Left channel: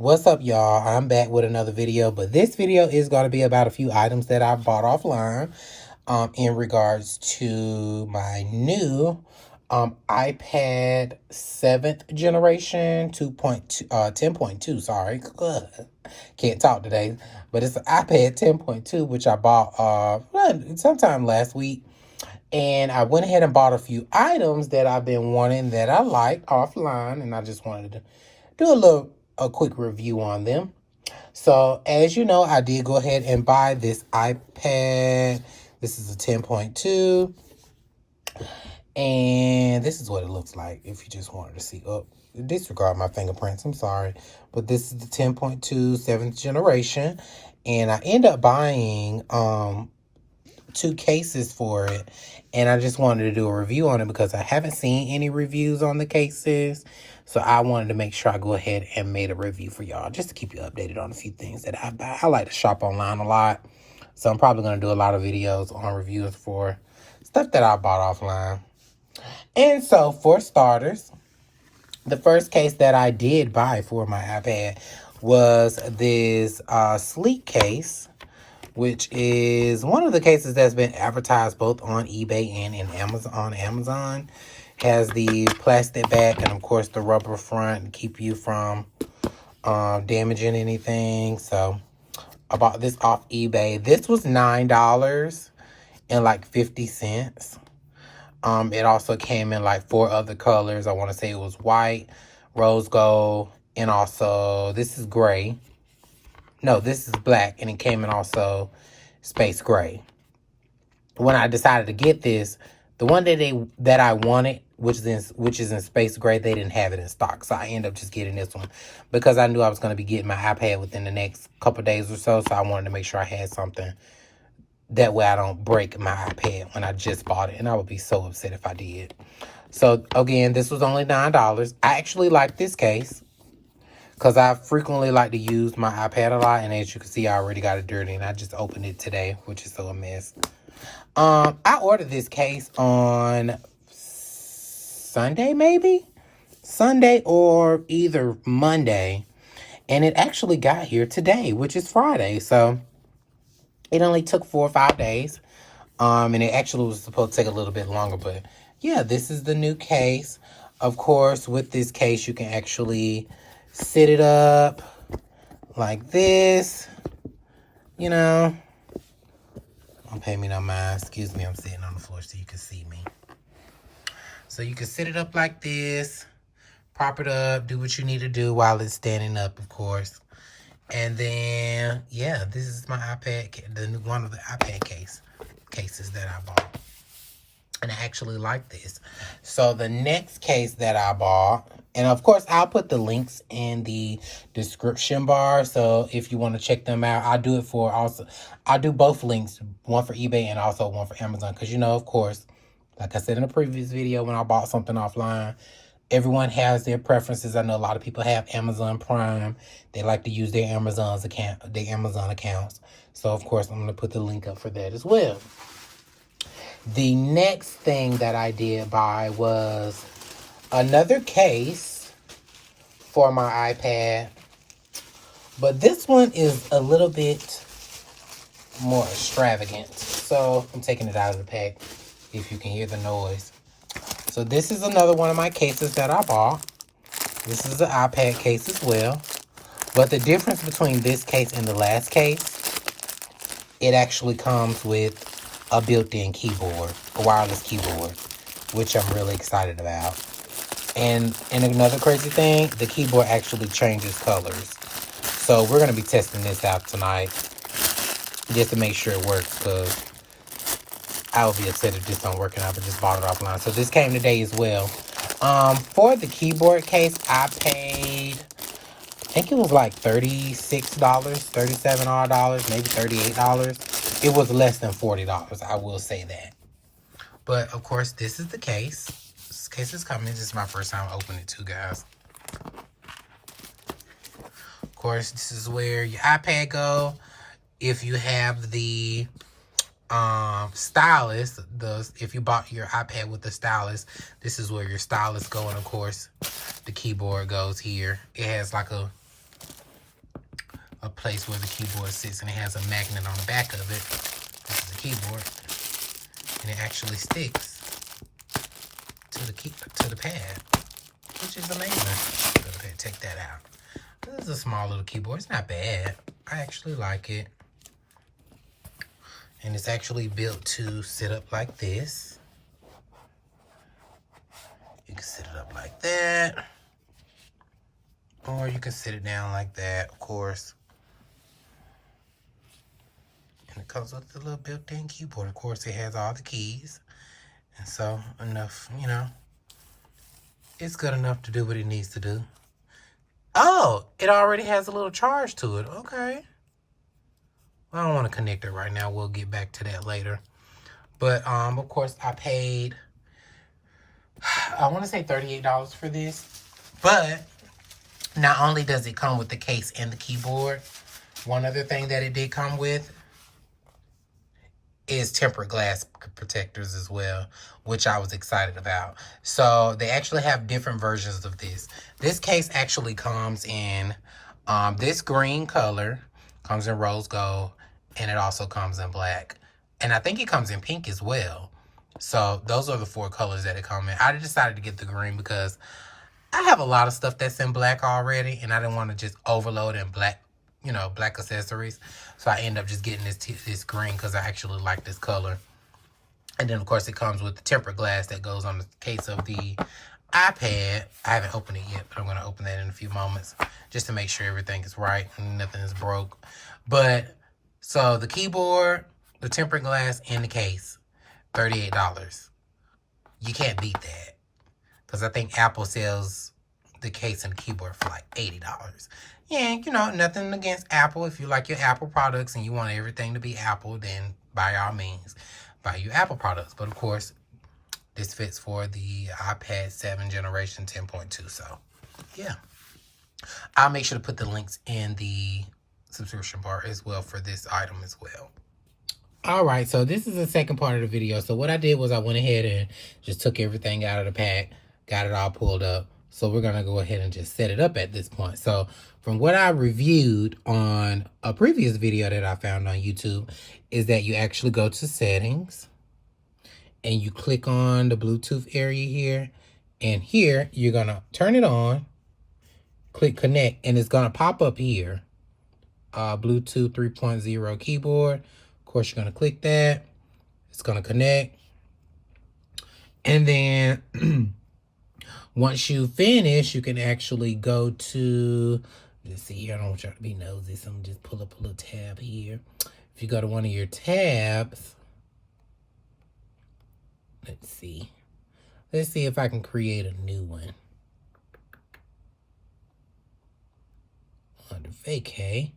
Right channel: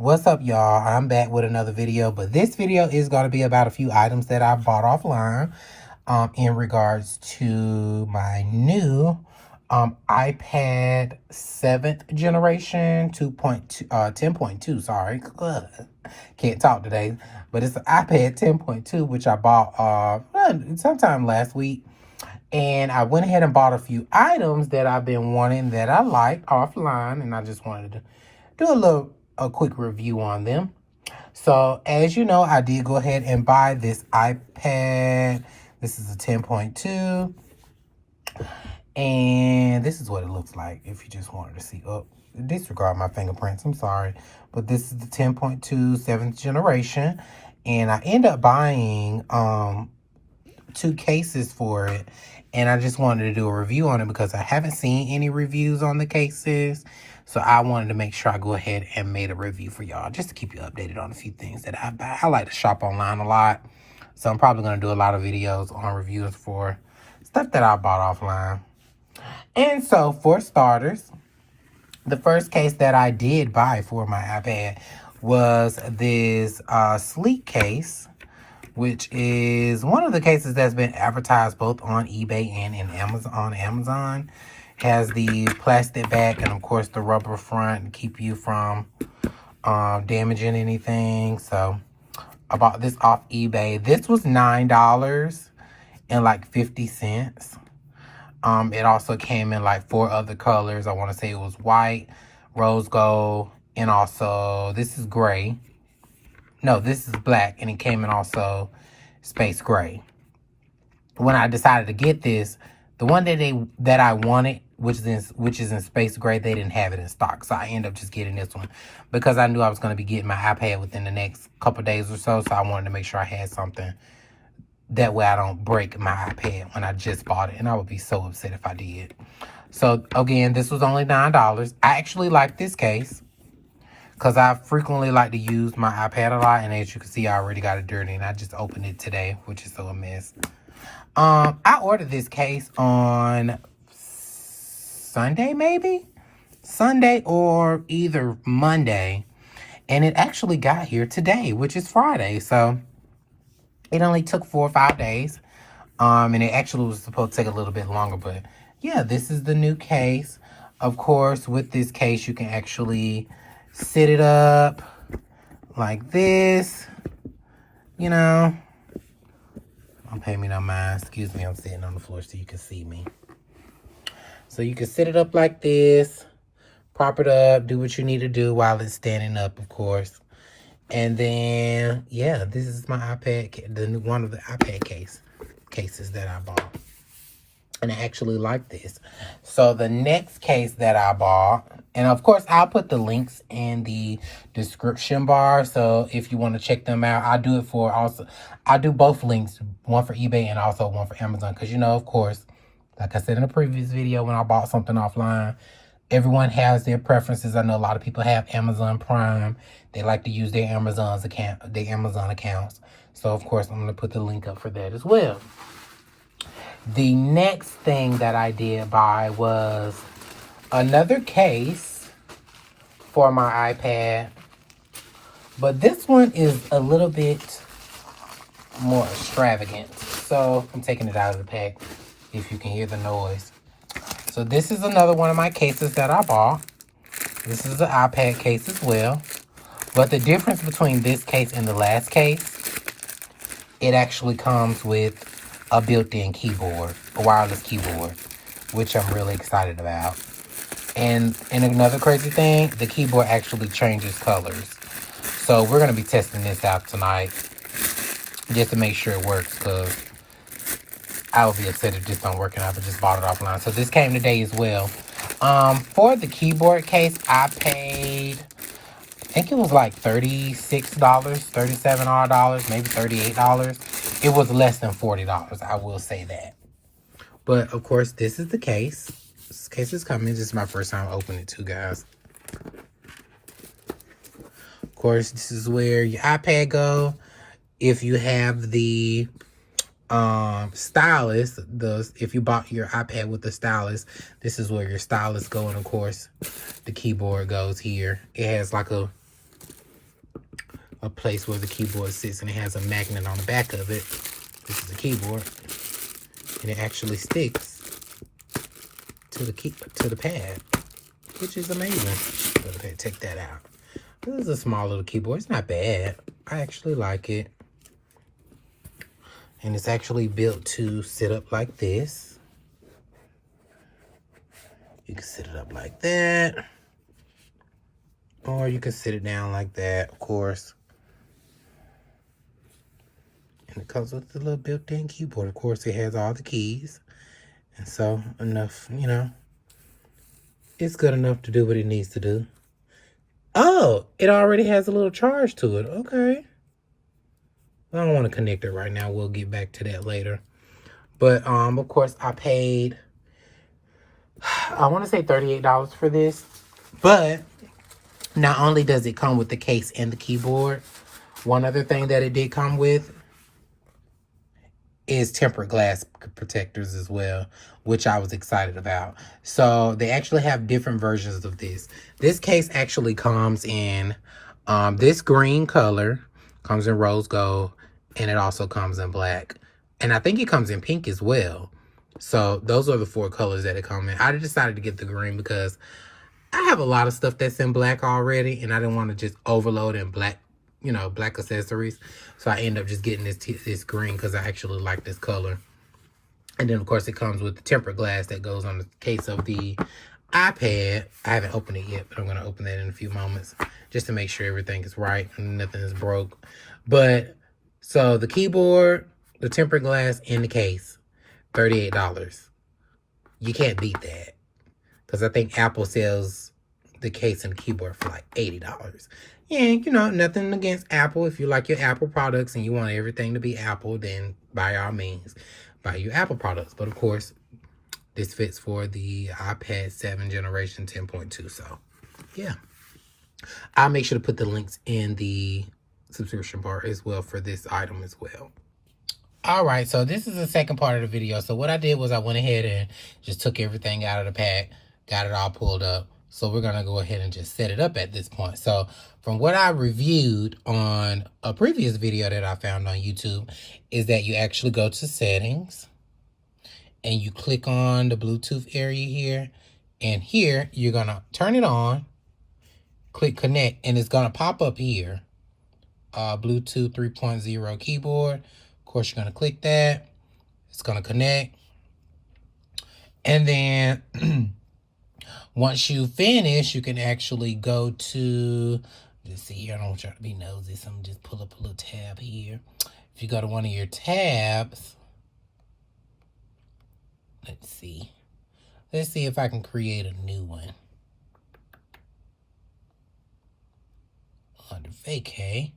What's up, y'all? I'm back with another video, but this video is going to be about a few items that I bought offline in regards to my new iPad 7th generation 10.2, sorry. Can't talk today, but it's the iPad 10.2, which I bought sometime last week. And I went ahead and bought a few items that I've been wanting that I like offline, and I just wanted to do a quick review on them. So as you know, I did go ahead and buy this iPad. This is a 10.2, and this is what it looks like if you just wanted to see. Oh, disregard my fingerprints, I'm sorry, but this is the 10.2 7th generation, and I ended up buying 2 cases for it, and I just wanted to do a review on it because I haven't seen any reviews on the cases. So I wanted to make sure I go ahead and made a review for y'all just to keep you updated on a few things that I buy. I like to shop online a lot, so I'm probably going to do a lot of videos on reviews for stuff that I bought offline. And so for starters, the first case that I did buy for my iPad was this sleek case, which is one of the cases that's been advertised both on eBay and on Amazon. Has the plastic back and, of course, the rubber front to keep you from damaging anything. So I bought this off eBay. This was $9 and like 50 cents. It also came in like 4 other colors. I want to say it was white, rose gold, and also this is gray. No, this is black, and it came in also space gray. When I decided to get this, the one that I wanted, which is in space gray, they didn't have it in stock. So I ended up just getting this one because I knew I was going to be getting my iPad within the next couple days or so. So I wanted to make sure I had something. That way I don't break my iPad when I just bought it. And I would be so upset if I did. So again, this was only $9. I actually like this case because I frequently like to use my iPad a lot. And as you can see, I already got it dirty. And I just opened it today, which is so a mess. I ordered this case on Sunday, maybe? Sunday or either Monday. And it actually got here today, which is Friday. So it only took 4 or 5 days. And it actually was supposed to take a little bit longer. But yeah, this is the new case. Of course, with this case, you can actually sit it up like this. You know. Don't pay me no mind. Excuse me, I'm sitting on the floor so you can see me. So you can sit it up like this. Prop it up. Do what you need to do while it's standing up, of course. And then, yeah, this is my iPad, one of the iPad cases that I bought. And I actually like this. So the next case that I bought, and of course, I'll put the links in the description bar. So if you want to check them out, I'll do both links, one for eBay and also one for Amazon. Because, you know, of course, like I said in the previous video, when I bought something offline, everyone has their preferences. I know a lot of people have Amazon Prime. They like to use their Amazon accounts. So, of course, I'm going to put the link up for that as well. The next thing that I did buy was another case for my iPad. But this one is a little bit more extravagant. So, I'm taking it out of the pack if you can hear the noise. So, this is another one of my cases that I bought. This is an iPad case as well. But the difference between this case and the last case, it actually comes with a built-in keyboard, a wireless keyboard, which I'm really excited about. And another crazy thing, the keyboard actually changes colors. So we're going to be testing this out tonight just to make sure it works, because I would be upset if this don't work and I just bought it offline. So this came today as well. For the keyboard case, I paid, I think it was like $36, $37 odd, maybe $38. It was less than $40, I will say that. But, of course, this is the case. This case is coming. This is my first time opening it too, guys. Of course, this is where your iPad go. If you have the stylus, if you bought your iPad with the stylus, this is where your stylus go. And, of course, the keyboard goes here. It has like a a place where the keyboard sits, and it has a magnet on the back of it. This is a keyboard, and it actually sticks to the pad, which is amazing. Go ahead, take that out. This is a small little keyboard. It's not bad. I actually like it. And it's actually built to sit up like this. You can sit it up like that. Or you can sit it down like that, of course. And it comes with the little built-in keyboard. Of course, it has all the keys. And so, enough, you know. It's good enough to do what it needs to do. Oh, it already has a little charge to it. Okay. Well, I don't want to connect it right now. We'll get back to that later. But, of course, I paid, I want to say $38 for this. But not only does it come with the case and the keyboard, one other thing that it did come with is tempered glass protectors as well, which I was excited about. So they actually have different versions of this. This case actually comes in this green color, comes in rose gold, and it also comes in black. And I think it comes in pink as well. So those are the 4 colors that it comes in. I decided to get the green because I have a lot of stuff that's in black already, and I didn't want to just overload in black, you know, black accessories. So I end up just getting this green because I actually like this color. And then, of course, it comes with the tempered glass that goes on the case of the iPad. I haven't opened it yet, but I'm going to open that in a few moments just to make sure everything is right and nothing is broke. But, so the keyboard, the tempered glass, and the case, $38. You can't beat that. Because I think Apple sells the case and the keyboard for like $80. And, you know, nothing against Apple. If you like your Apple products and you want everything to be Apple, then by all means, buy your Apple products. But, of course, this fits for the iPad 7 generation 10.2. So, yeah. I'll make sure to put the links in the subscription bar as well for this item as well. All right, so this is the second part of the video. So what I did was I went ahead and just took everything out of the pack, got it all pulled up. So we're going to go ahead and just set it up at this point. So from what I reviewed on a previous video that I found on YouTube is that you actually go to settings and you click on the Bluetooth area here. And here you're going to turn it on, click connect, and it's going to pop up here. Bluetooth 3.0 keyboard. Of course, you're going to click that. It's going to connect. And then once you finish, you can actually go to, let's see here, I don't want y'all to be nosy, so I'm going to just pull up a little tab here. If you go to one of your tabs, let's see if I can create a new one. Under vacay.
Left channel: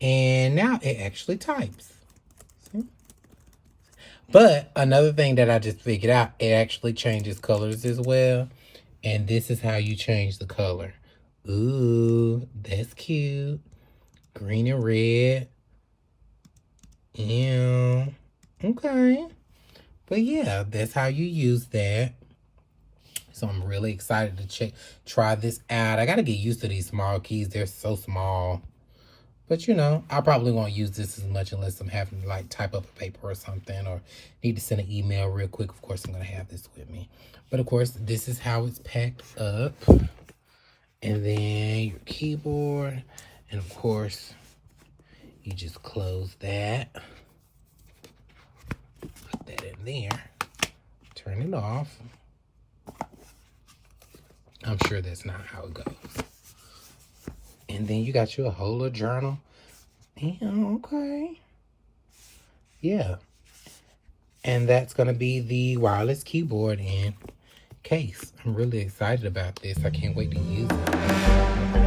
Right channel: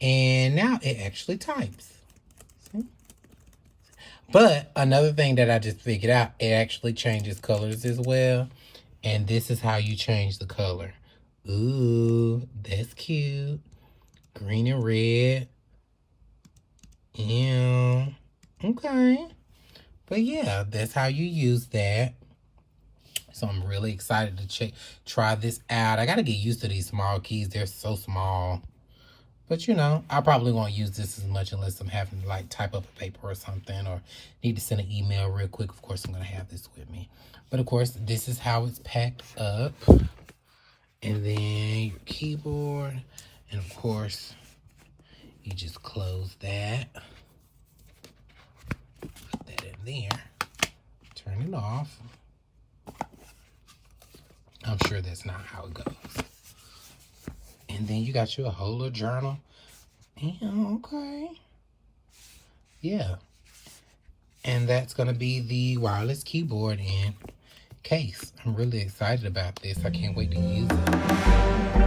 And now it actually types. See? But another thing that I just figured out, it actually changes colors as well. And this is how you change the color. Ooh, that's cute. Green and red. Yeah. Okay. But yeah, that's how you use that. So I'm really excited to try this out. I got to get used to these small keys. They're so small. But, you know, I probably won't use this as much unless I'm having to, like, type up a paper or something or need to send an email real quick. Of course, I'm going to have this with me. But, of course, this is how it's packed up. And then your keyboard. And, of course, you just close that. Put that in there. Turn it off. I'm sure that's not how it goes. And then you got your whole little journal. Yeah, okay. Yeah. And that's going to be the wireless keyboard and case. I'm really excited about this. I can't wait to use it.